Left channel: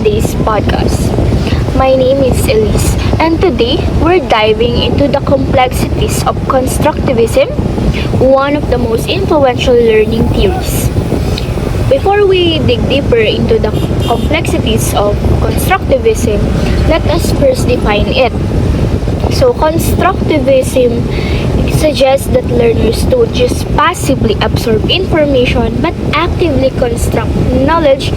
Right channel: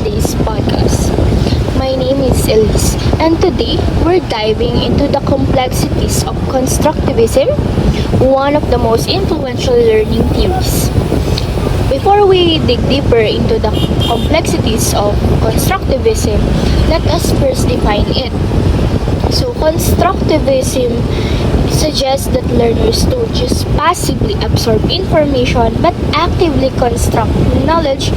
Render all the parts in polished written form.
today's podcast. My name is Elise, and today we're diving into the complexities of constructivism, one of the most influential learning theories. Before we dig deeper into the complexities of constructivism, let us first define it. So, constructivism suggests that learners don't just passively absorb information but actively construct knowledge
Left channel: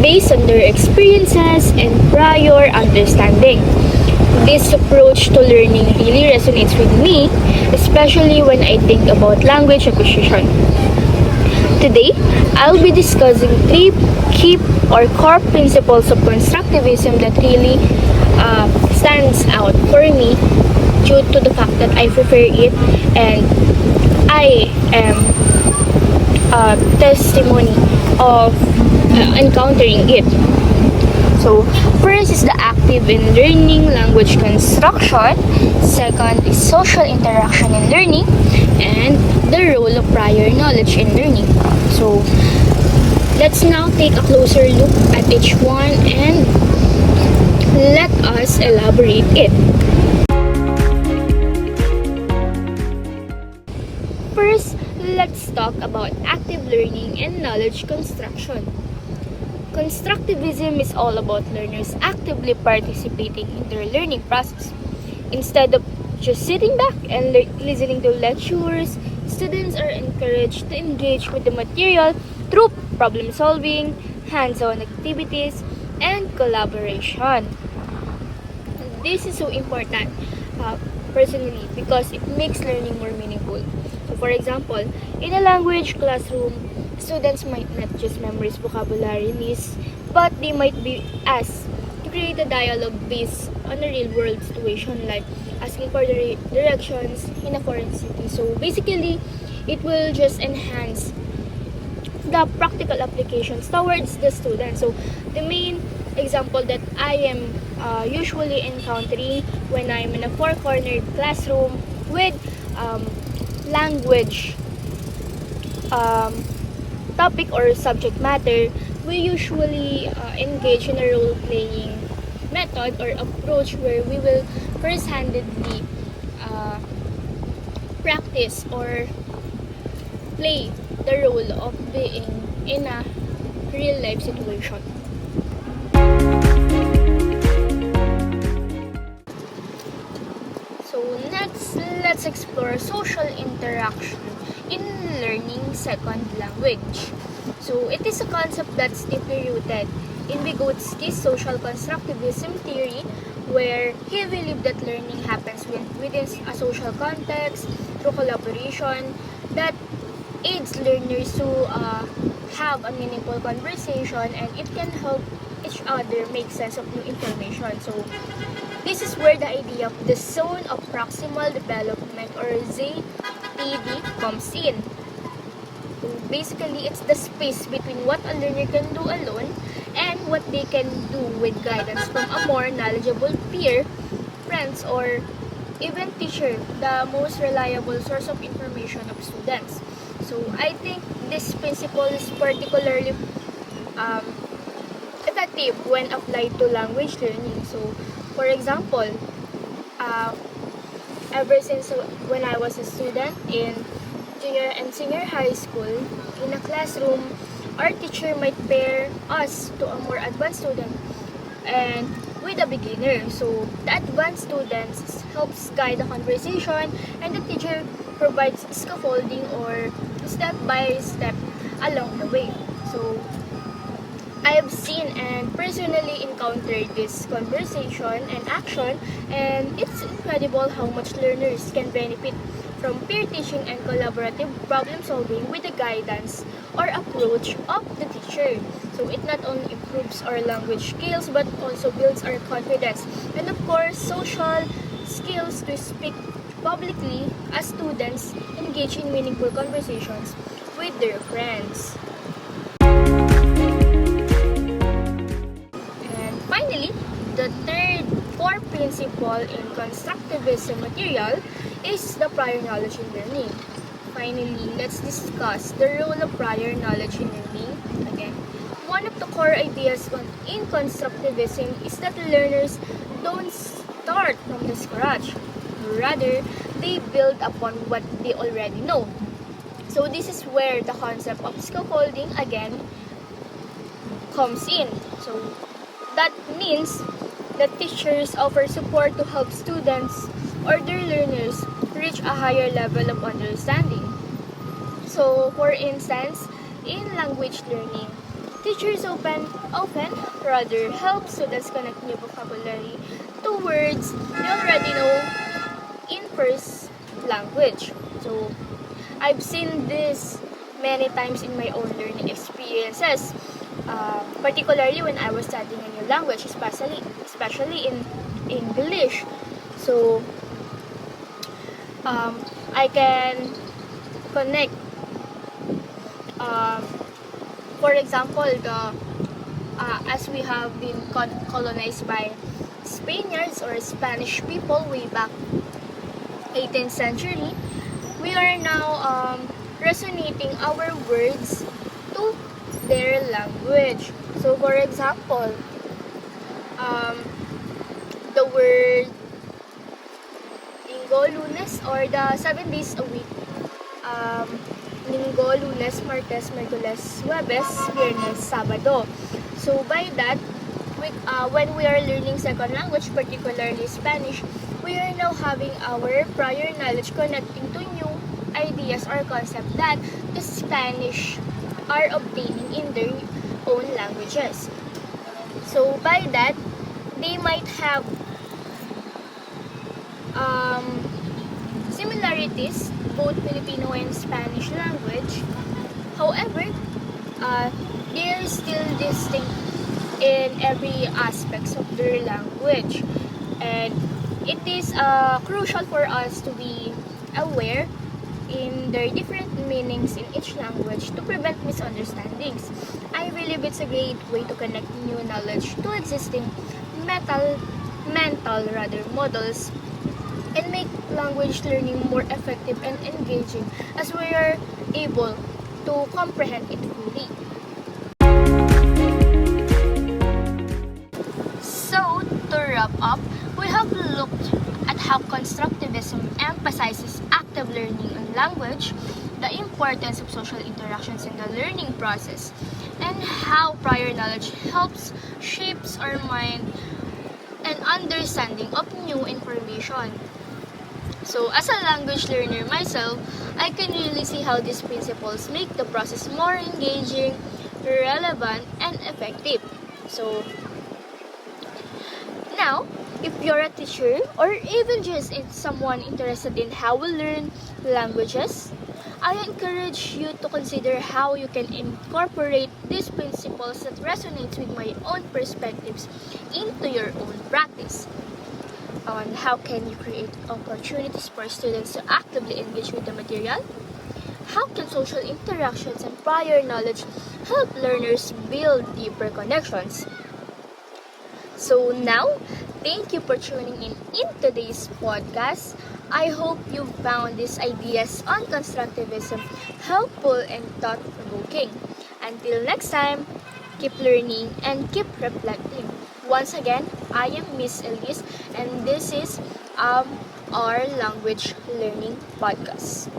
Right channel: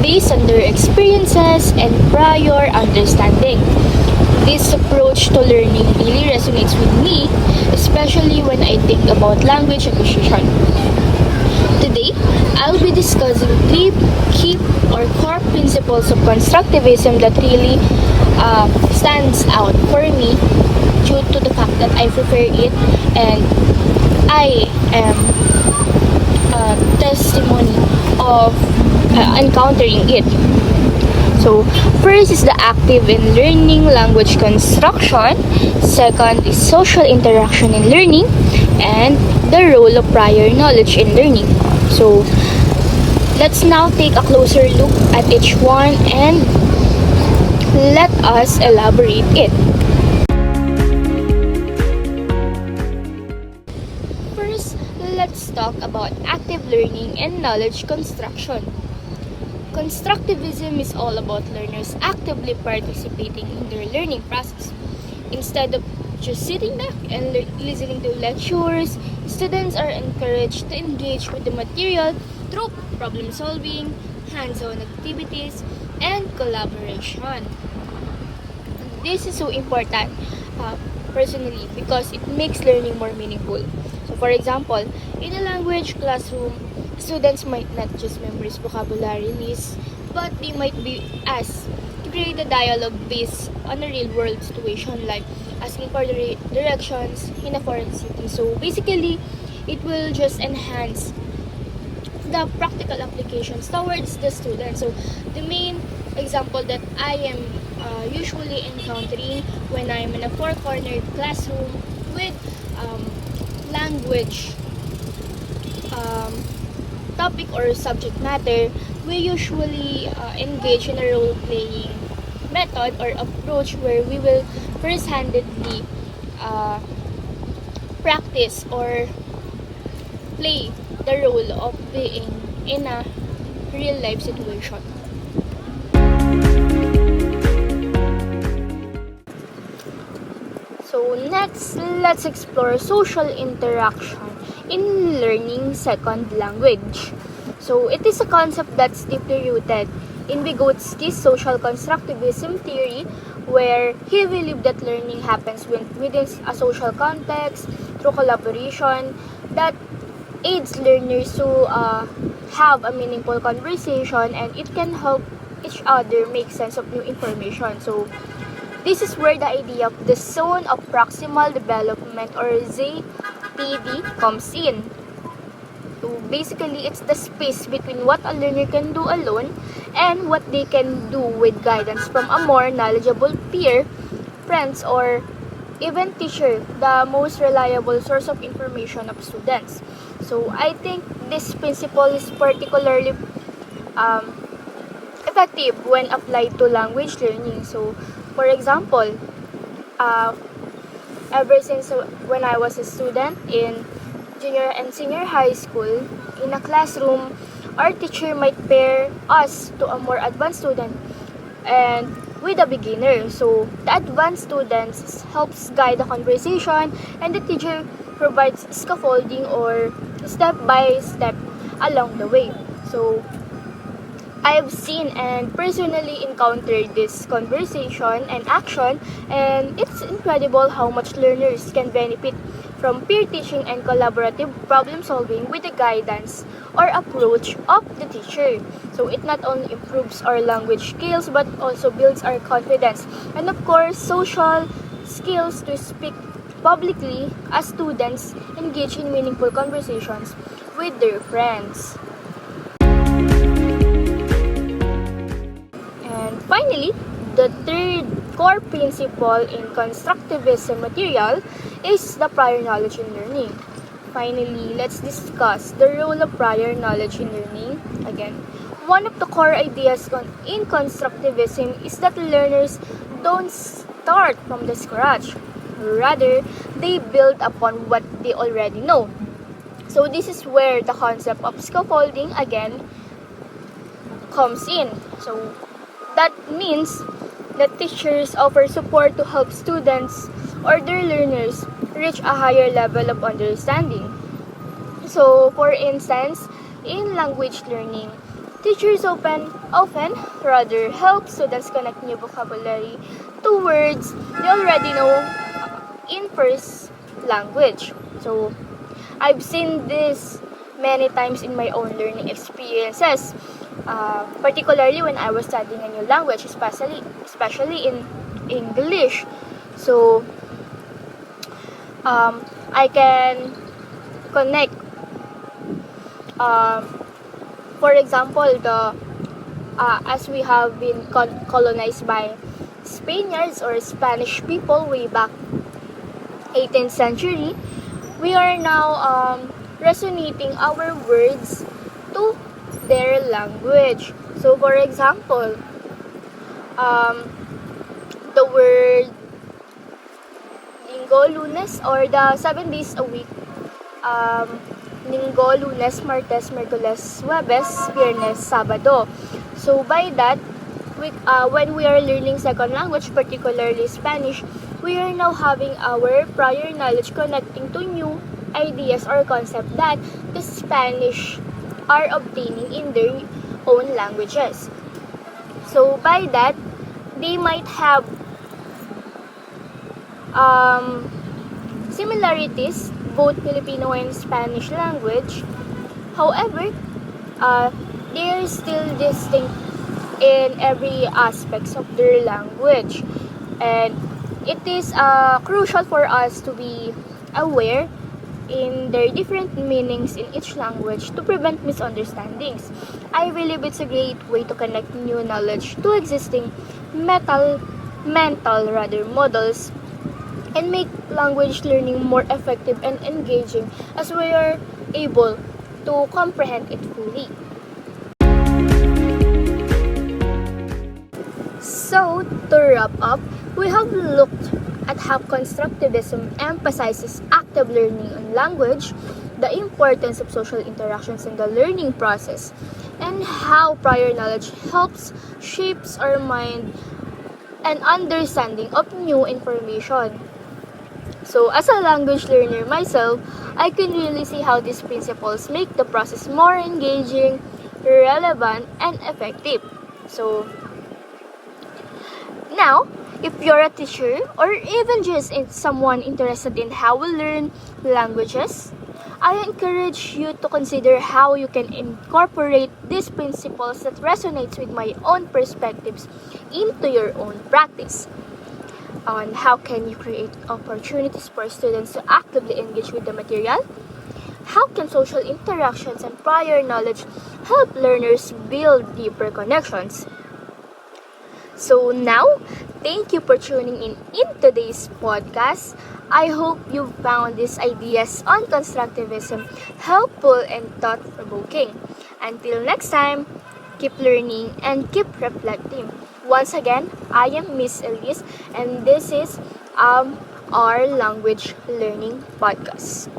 based on their experiences and prior understanding. This approach to learning really resonates with me, especially when I think about language acquisition. Today, I'll be discussing three key or core principles of constructivism that really stands out for me due to the fact that I prefer it and I am a testimony of encountering it. So, first is the active in learning language construction. Second is social interaction in learning. And the role of prior knowledge in learning. So, let's now take a closer look at each one and let us elaborate it. First, let's talk about active learning and knowledge construction. Constructivism is all about learners actively participating in their learning process. Instead of just sitting back and listening to lectures, students are encouraged to engage with the material through problem solving, hands-on activities, and collaboration. This is so important personally because it makes learning more meaningful. So for example, in a language classroom, students might not just memorize vocabulary lists, but they might be asked to create a dialogue based on a real-world situation like asking for the directions in a foreign city. So basically, it will just enhance the practical applications towards the student. So the main example that I am usually encountering when I'm in a four-cornered classroom with language topic or subject matter, we usually engage in a role-playing method or approach where we will first-handedly practice or play the role of being in a real-life situation. So next, let's explore social interaction in learning second language. So it is a concept that's deeply rooted in Vygotsky's social constructivism theory, where he believed that learning happens within a social context through collaboration that aids learners to have a meaningful conversation, and it can help each other make sense of new information. So this is where the idea of the zone of proximal development or ZPD comes in. Basically, it's the space between what a learner can do alone and what they can do with guidance from a more knowledgeable peer, friends, or even teacher, the most reliable source of information of students. So I think this principle is particularly effective when applied to language learning. So, for example, ever since when I was a student in junior and senior high school, in a classroom, our teacher might pair us to a more advanced student and with a beginner. So the advanced students helps guide the conversation and the teacher provides scaffolding or step by step along the way. So I've seen and personally encountered this conversation and action, and it's incredible how much learners can benefit from peer teaching and collaborative problem solving with the guidance or approach of the teacher. So it not only improves our language skills but also builds our confidence and of course social skills to speak publicly as students engage in meaningful conversations with their friends. Finally, the third core principle in constructivism material is the prior knowledge in learning. Finally, let's discuss the role of prior knowledge in learning. Again, One of the core ideas in constructivism is that learners don't start from the scratch. Rather, they build upon what they already know. So this is where the concept of scaffolding again comes in. So that means that teachers offer support to help students or their learners reach a higher level of understanding. So for instance, in language learning, teachers often rather help students connect new vocabulary to words they already know in first language. So I've seen this many times in my own learning experiences, particularly when I was studying a new language, especially in English. So I can connect. For example, the as we have been colonized by Spaniards or Spanish people way back 18th century, we are now resonating our words to their language. So, for example, the word Linggo, Lunes, or the 7 days a week. Linggo, Lunes, Martes, Miyerkules, Huwebes, Biyernes, Sabado. So by that, when we are learning second language, particularly Spanish, we are now having our prior knowledge connecting to new ideas or concepts that the Spanish are obtaining in their own languages. So by that, they might have similarities, both Filipino and Spanish language. However, they are still distinct in every aspects of their language, and it is crucial for us to be aware in their different meanings in each language to prevent misunderstandings. I believe it's a great way to connect new knowledge to existing mental models and make language learning more effective and engaging as we are able to comprehend it fully. So, to wrap up, we have looked at how constructivism emphasizes active learning on language, the importance of social interactions in the learning process, and how prior knowledge helps shapes our mind and understanding of new information. So, as a language learner myself, I can really see how these principles make the process more engaging, relevant, and effective. So, now, if you're a teacher or even just someone interested in how we learn languages, I encourage you to consider how you can incorporate these principles that resonates with my own perspectives into your own practice. On how can you create opportunities for students to actively engage with the material? How can social interactions and prior knowledge help learners build deeper connections? So now, thank you for tuning in today's podcast. I hope you found these ideas on constructivism helpful and thought-provoking. Until next time, keep learning and keep reflecting. Once again, I am Miss Elise, and this is our language learning podcast.